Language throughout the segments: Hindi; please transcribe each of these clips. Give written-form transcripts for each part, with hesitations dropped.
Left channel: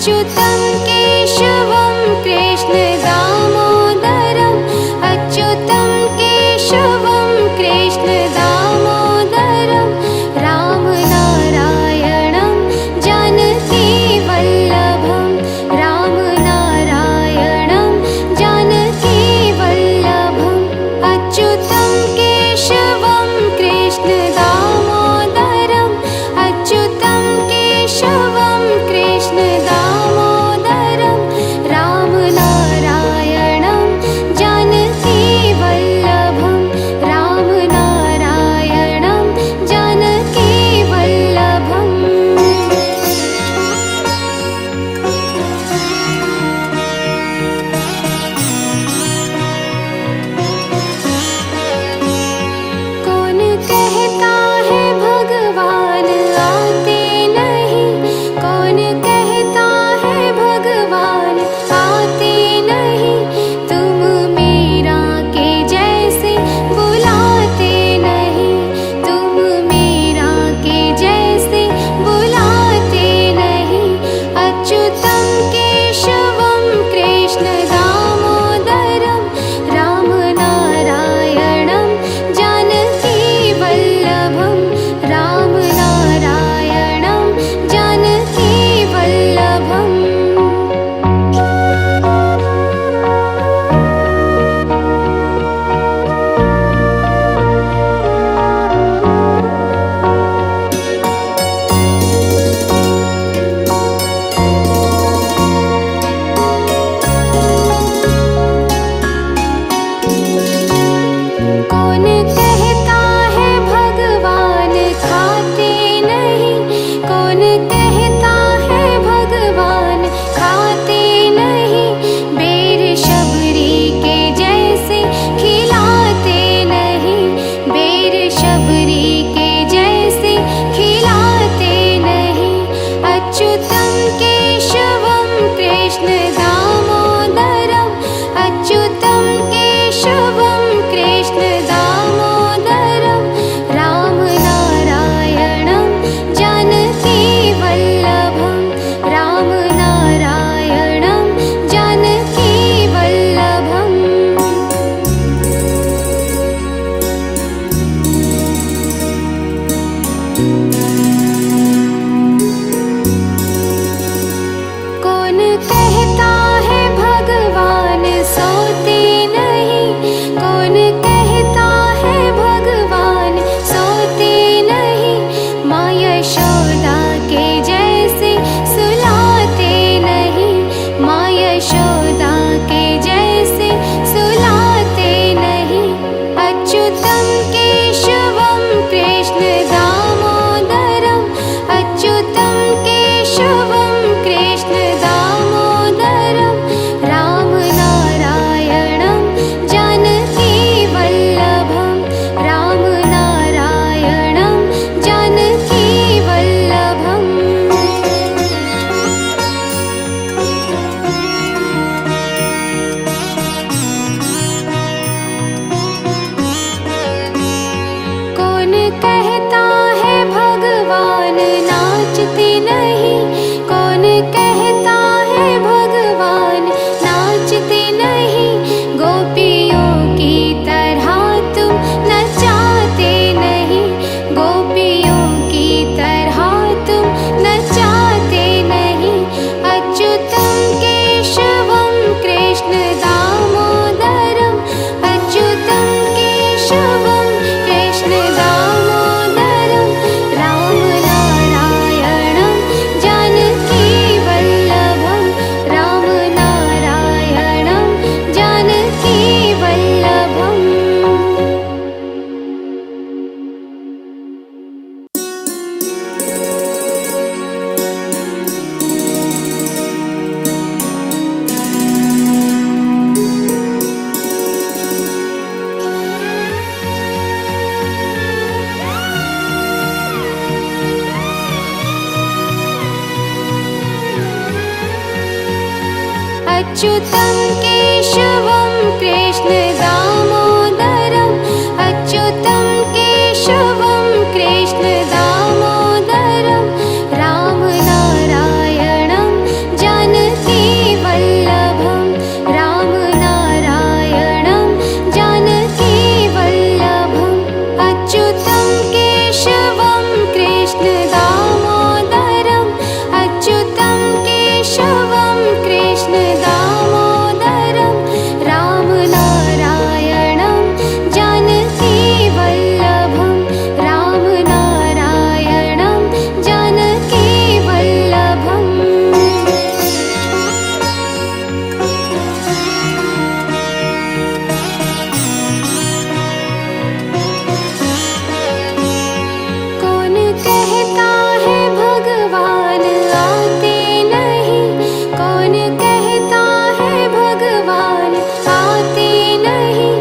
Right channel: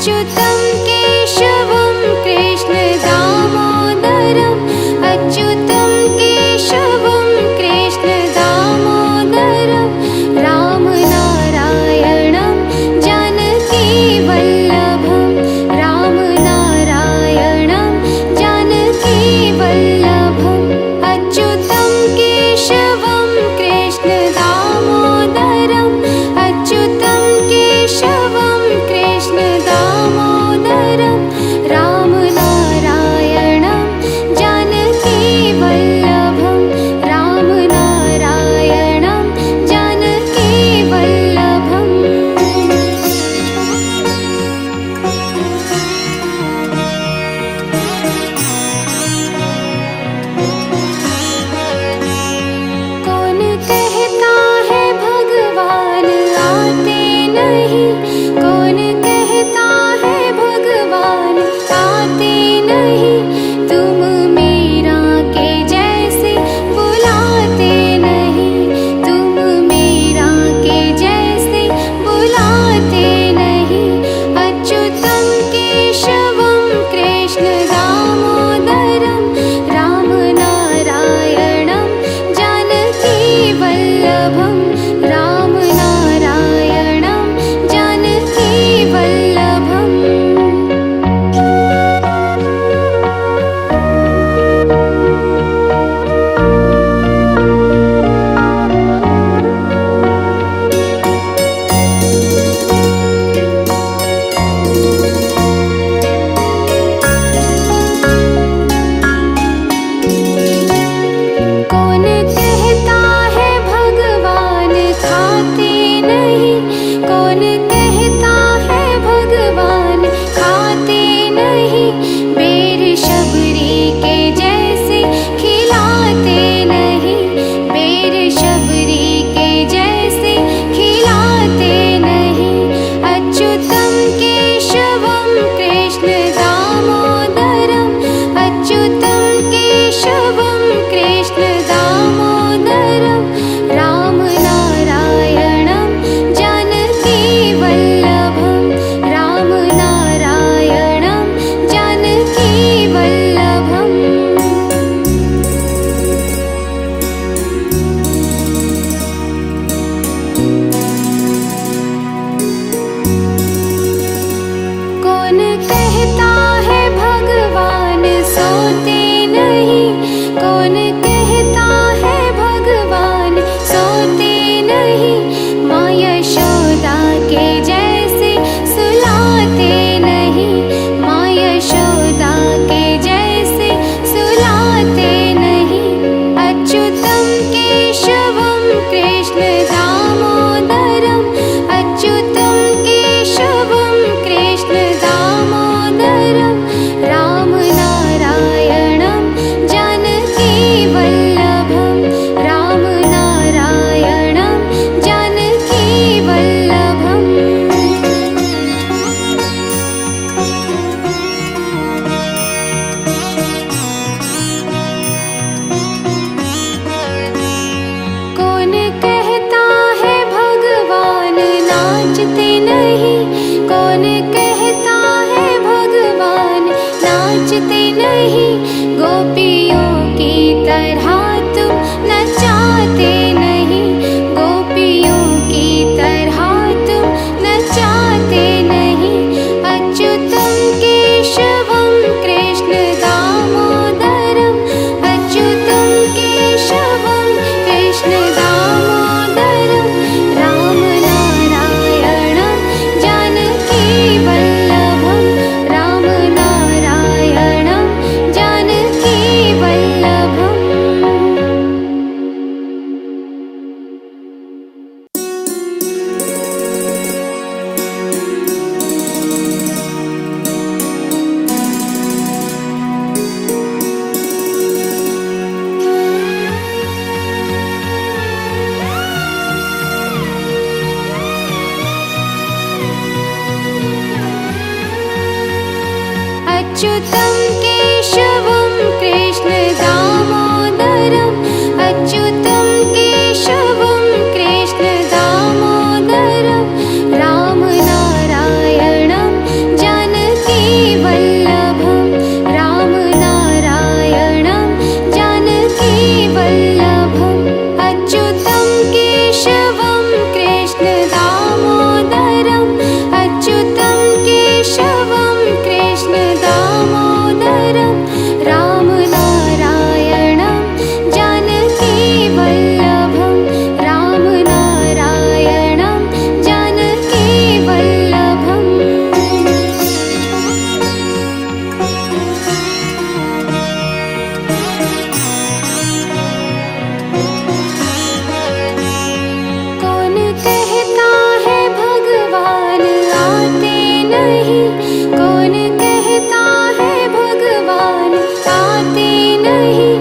अच्युतं केशवं कृष्ण दामोदरम् अच्युतं केशवं कृष्ण दामोदरं रामनारायणं जानकीवल्लभं रामनारायणं जानकीवल्लभम् अच्युतं केशवं कृष्ण दामोदरम् अच्युतं केशवं कृष्ण दामोदरं रामनारायणं जानकीवल्लभं रामनारायणं जानकीवल्लभम् कौन कहता है भगवान आते नहीं कौन कहता है भगवान आते नहीं तुम मीरा के जैसे बुलाते नहीं तुम मीरा के जैसे बुलाते नहीं अच्युतं केशवं कृष्ण दामोदरं रामनारायणं जानकीवल्लभं रामनारायणं जानकीवल्लभम् कौन कहता है भगवान खाते नहीं कौन कहता है भगवान खाते नहीं बेर शबरी के जैसे खिलाते नहीं बेर शबरी के जैसे खिलाते नहीं अच्युतं केशवं कृष्ण दामोदरम् अच्युतं केशवं कृष्ण दामोदरं रामनारायणं जानकीवल्लभं रामनारायणं जानकीवल्लभम् कौन कहता है भगवान सोते नहीं कौन कहता है भगवान सोते नहीं माँ यशोदा के जैसे सुलाते नहीं माँ यशोदा के जैसे सुलाते नहीं अच्युतं केशवं कृष्ण दामोदरम् अच्युतं केशवं कृष्ण दामोदरं रामनारायणं जानकीवल्लभं रामनारायणं जानकीवल्लभम् कौन कहता है भगवान नाचते नहीं कौन कहता है भगवान नाचते नहीं गोपियों की तरह तुम नचाते नहीं गोपियों की तरह तुम नचाते नहीं अच्युतं केशवं कृष्ण दामोदरम् अच्युतं केशवं कृष्ण दामोदरं रामनारायणं जानकीवल्लभं रामनारायणं जानकीवल्लभम् अच्युतं केशवं कृष्ण दामोदरम् अच्युतं केशवं कृष्ण दामोदरं रामनारायणं केशवं कृष्ण दामोदरम् अच्युतं केशवं कृष्ण दामोदरं रामनारायणं जानकी वल्लभं रामनारायणं जानकी वल्लभम् कौन कहता है भगवान आते नहीं, कौन कहता है भगवान आते नहीं,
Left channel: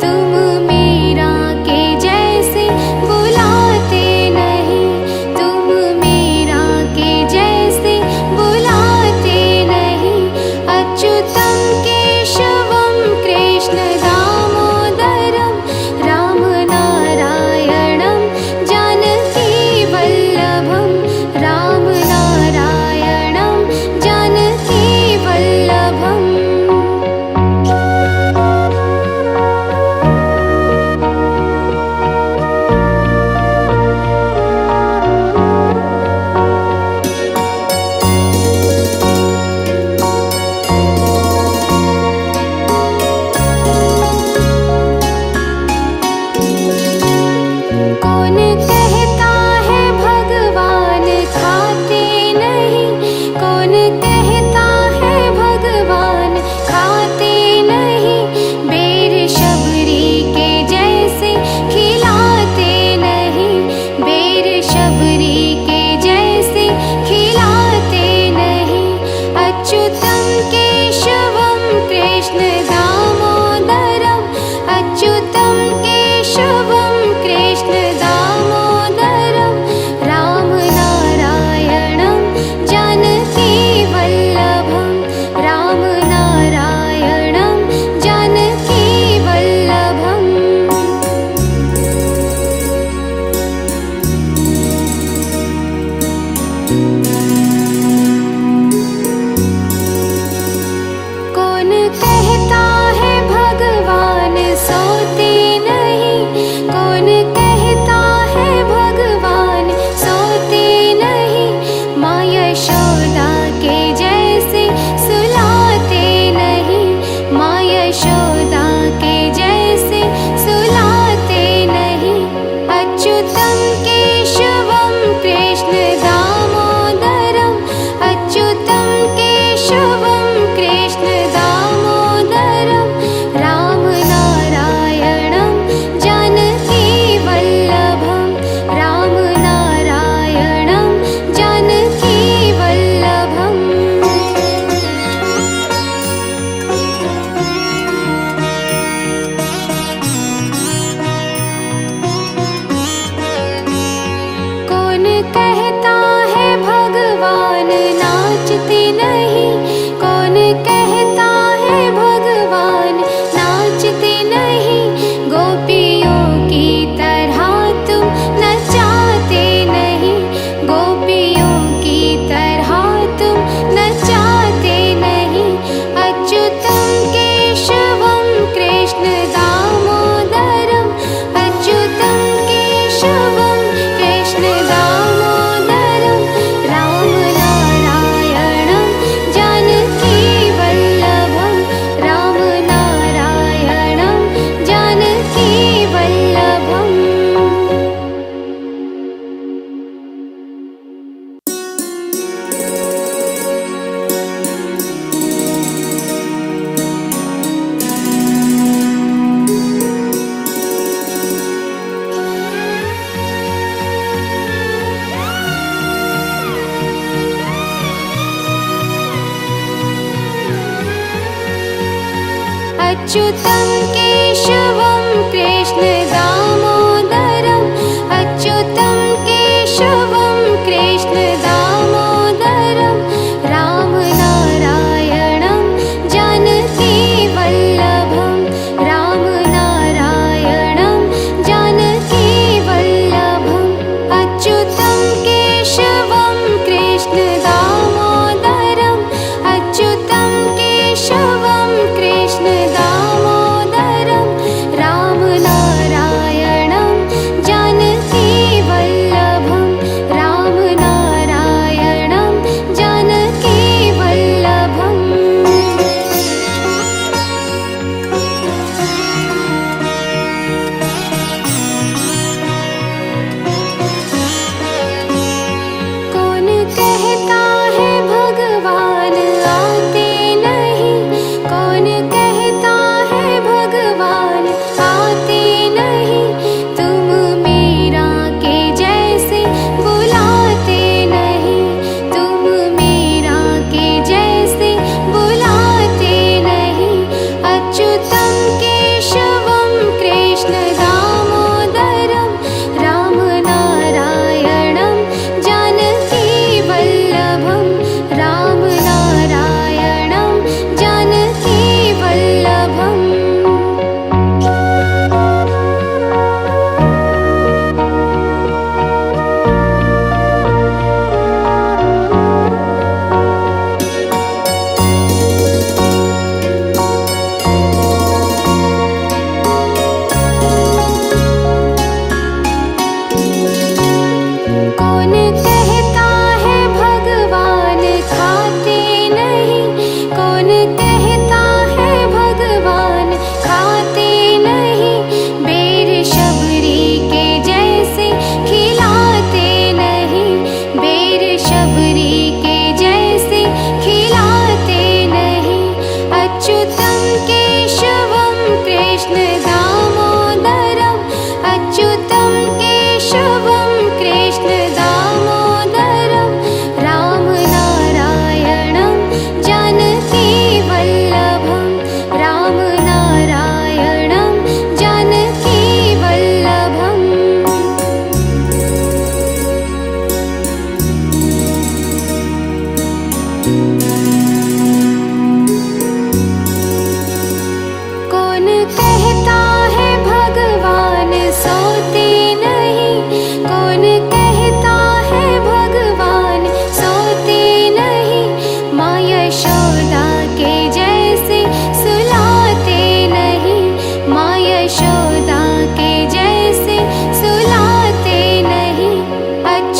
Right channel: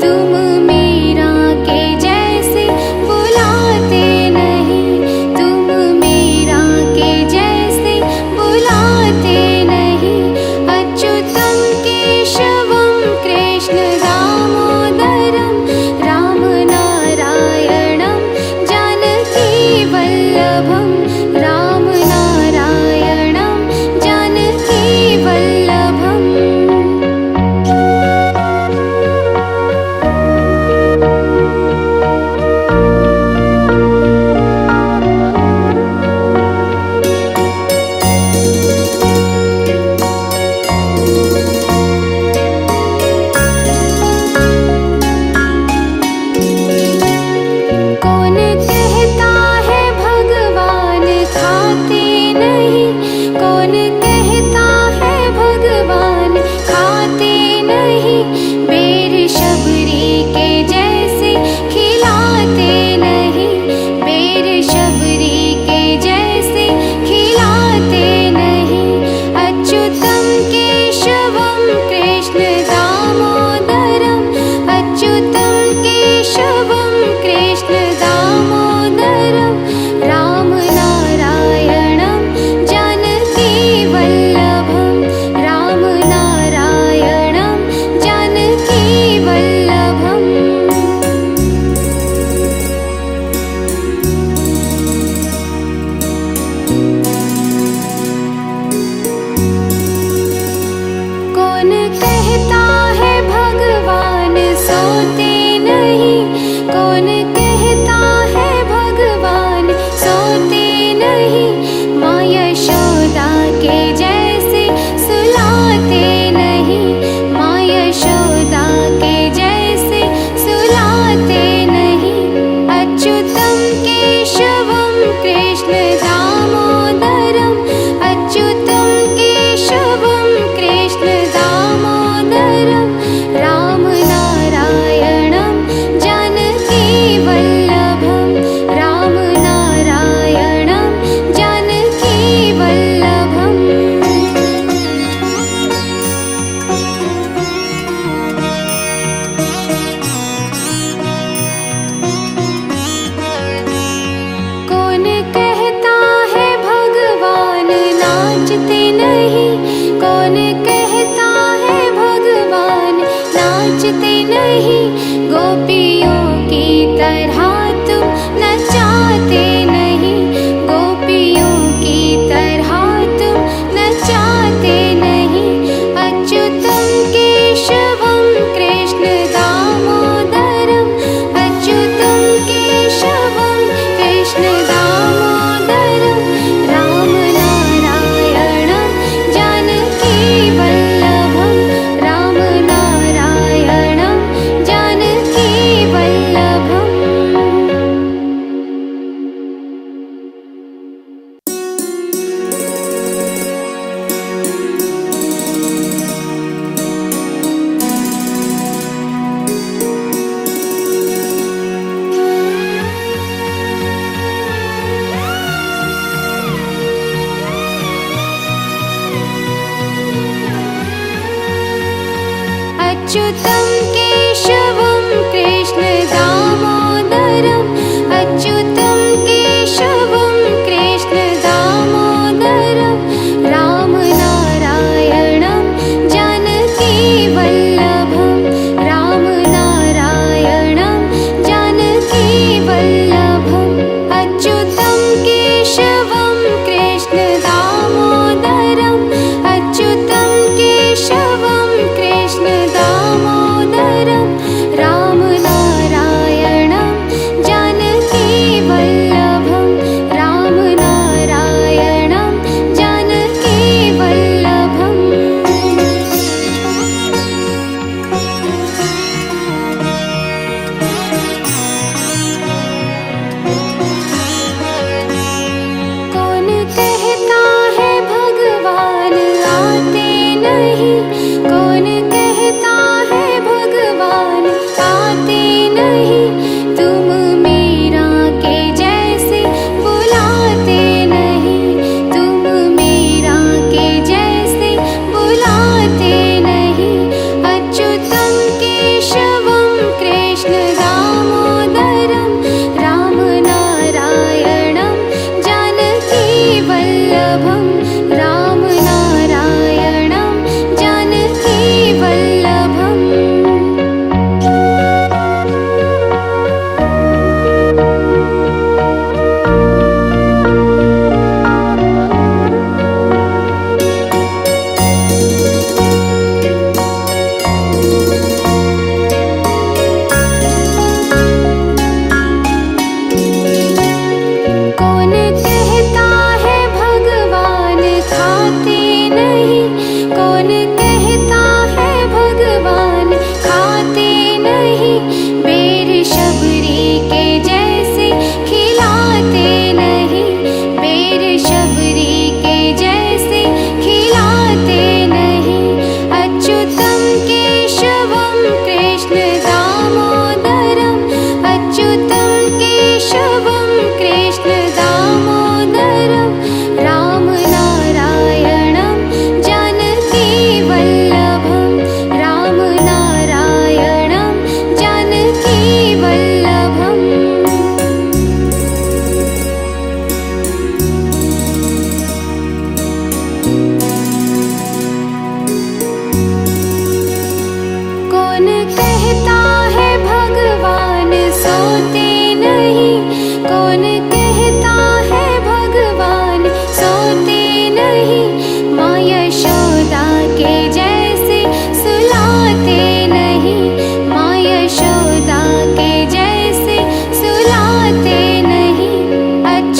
तुम मीरा के जैसे बुलाते नहीं, तुम मीरा के जैसे बुलाते नहीं। अच्युतं केशवं कृष्ण दामोदरं रामनारायणं जानकी वल्लभं रामनारायणं जानकी वल्लभम् कौन कहता है भगवान खाते नहीं, कौन कहता है भगवान खाते नहीं, बेर शबरी के जैसे खिलाते नहीं, बेर शबरी के जैसे खिलाते नहीं। अच्युतं केशवं कृष्ण दामोदरम् अच्युतं केशवं कृष्ण दामोदरं रामनारायणं जानकी वल्लभं रामनारायणं जानकी वल्लभम् कौन कहता है भगवान सोते नहीं, कौन कहता है भगवान सोते नहीं, माँ यशोदा के जैसे सुलाते नहीं, माँ यशोदा के जैसे सुलाते नहीं। अच्युतं केशवं कृष्ण दामोदरम् अच्युतं केशवं कृष्ण दामोदरं रामनारायणं जानकी वल्लभं रामनारायणं जानकी वल्लभम् कौन कहता है भगवान नाचते नहीं, कौन कहता है भगवान नाचते नहीं, गोपियों की तरह तुम नचाते नहीं, गोपियों की तरह तुम नचाते नहीं। अच्युतं केशवं कृष्ण दामोदरम् अच्युतं केशवं कृष्ण दामोदरं रामनारायणं जानकी वल्लभं रामनारायणं जानकी वल्लभम् अच्युतं केशवं कृष्ण दामोदरम् अच्युतं केशवं कृष्ण दामोदरं रामनारायणं जानकी वल्लभं रामनारायणं जानकी वल्लभम् अच्युतं केशवं कृष्ण दामोदरम् अच्युतं केशवं कृष्ण दामोदरं रामनारायणं जानकी वल्लभम्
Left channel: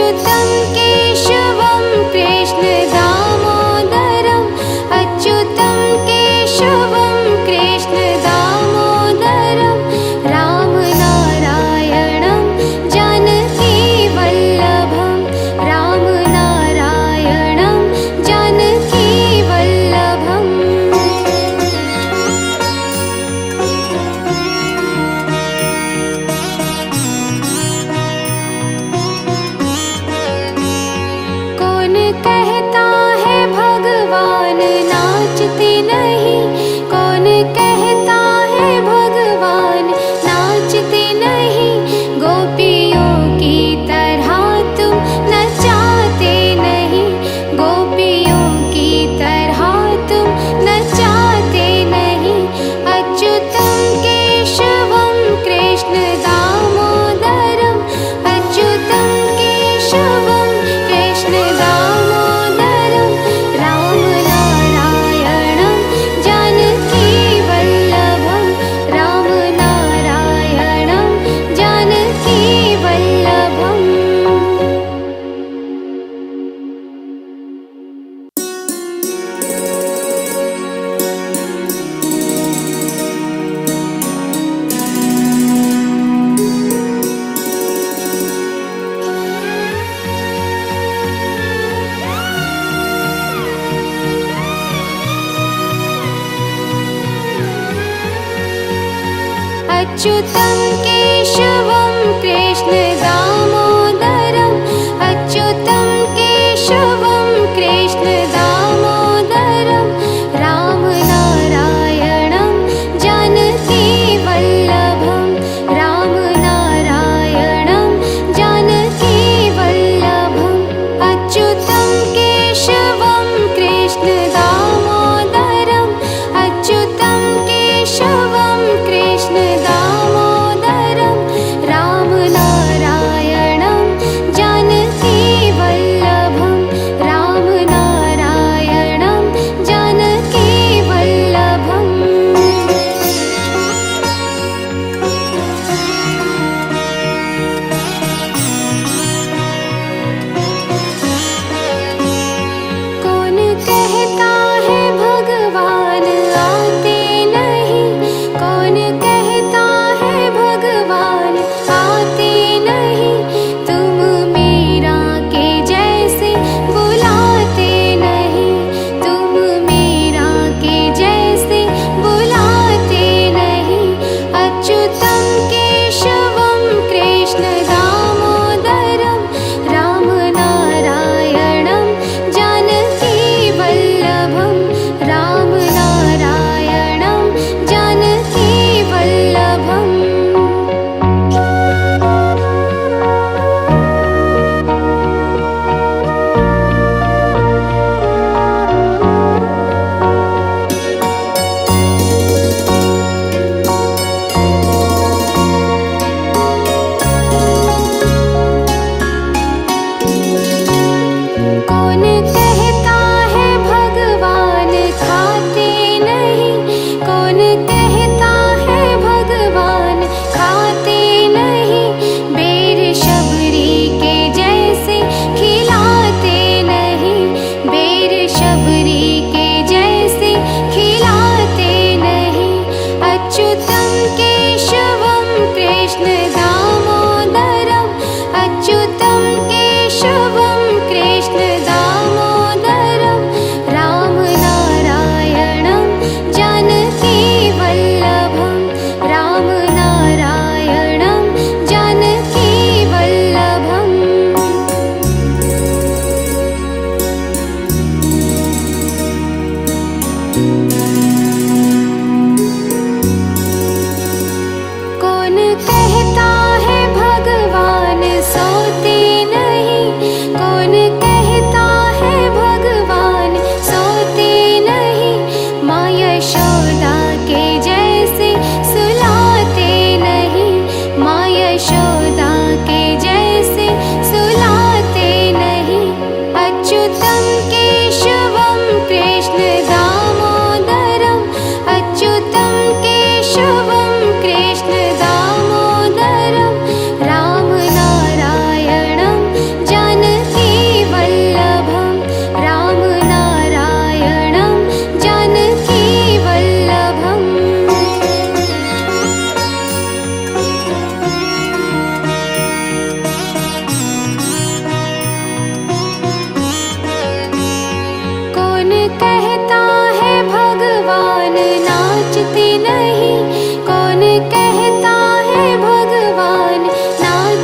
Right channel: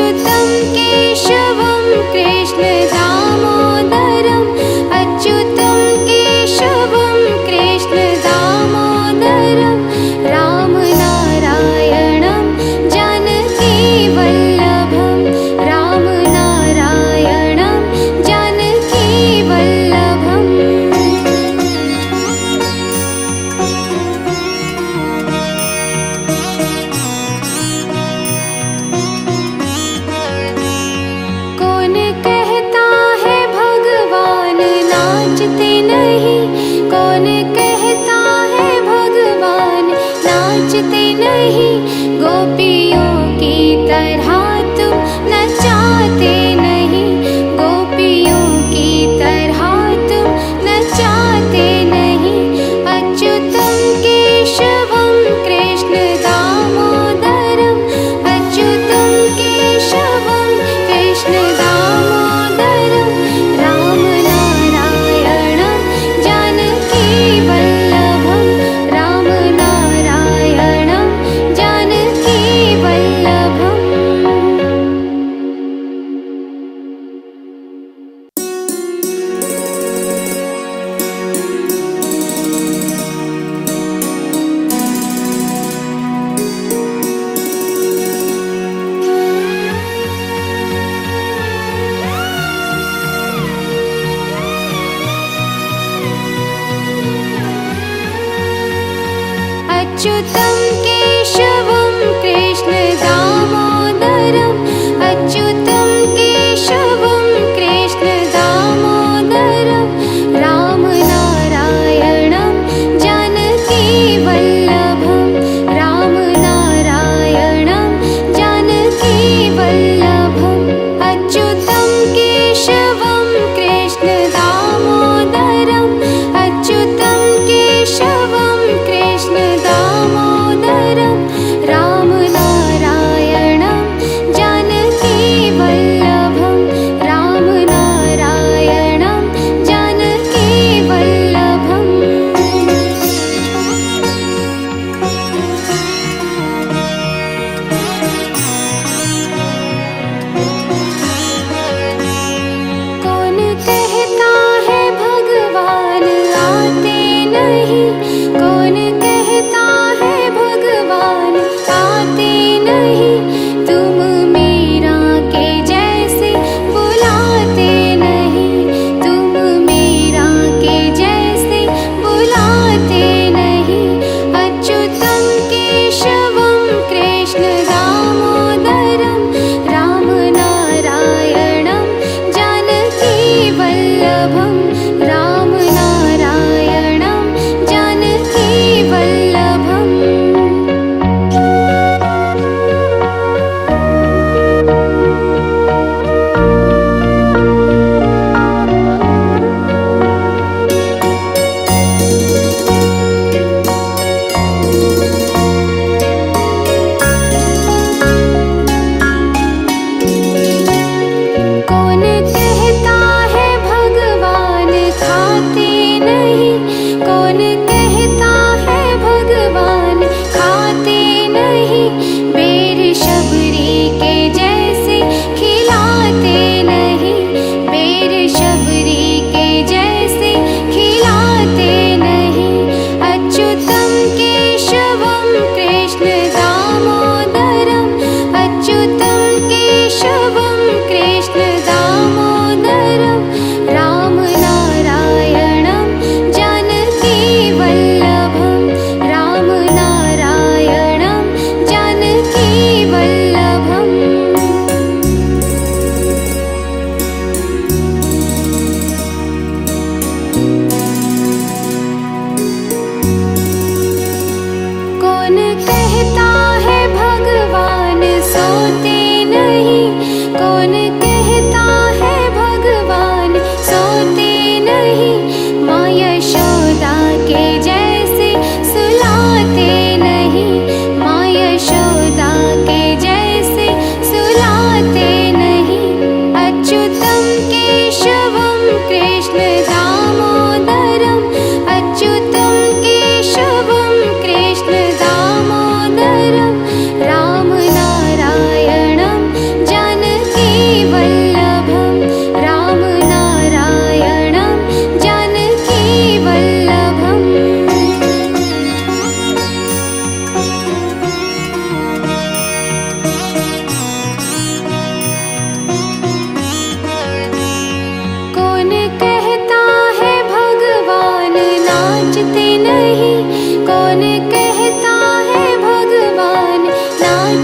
अच्युतं केशवं कृष्ण दामोदरम् अच्युतं केशवं कृष्ण दामोदरं राम नारायणं जानकी वल्लभं राम नारायणं जानकी वल्लभम् कौन कहता है भगवान नाचते नहीं कौन कहता है भगवान नाचते नहीं गोपियों की तरह तुम नचाते नहीं गोपियों की तरह तुम नचाते नहीं अच्युतं केशवं कृष्ण दामोदरम् अच्युतं केशवं कृष्ण दामोदरं राम नारायणं जानकी वल्लभं राम नारायणं जानकी वल्लभम् अच्युतं केशवं कृष्ण दामोदरम् अच्युतं केशवं कृष्ण दामोदरं राम नारायणं जानकी वल्लभं राम नारायणं जानकी वल्लभम् अच्युतं केशवं कृष्ण दामोदरम् अच्युतं केशवं कृष्ण दामोदरं राम नारायणं जानकी वल्लभं राम नारायणं जानकी वल्लभम् कौन कहता है भगवान आते नहीं कौन कहता है भगवान आते नहीं तुम मीरा के जैसे बुलाते नहीं तुम मीरा के जैसे बुलाते नहीं अच्युतं केशवं कृष्ण दामोदरं राम नारायणं जानकी वल्लभं राम नारायणं जानकी वल्लभम्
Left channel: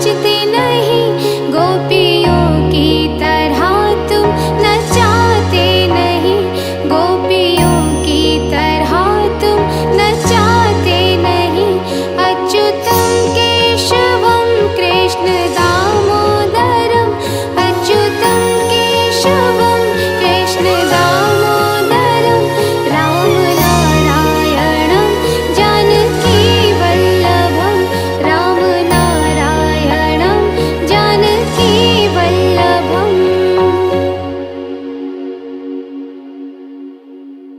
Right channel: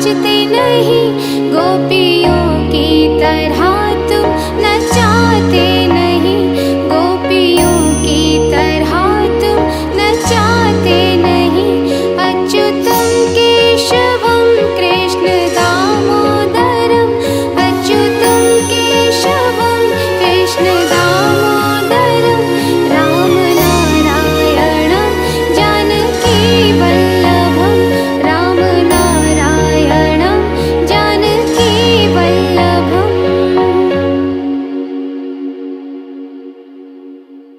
नाचते नहीं गोपियों की तरह।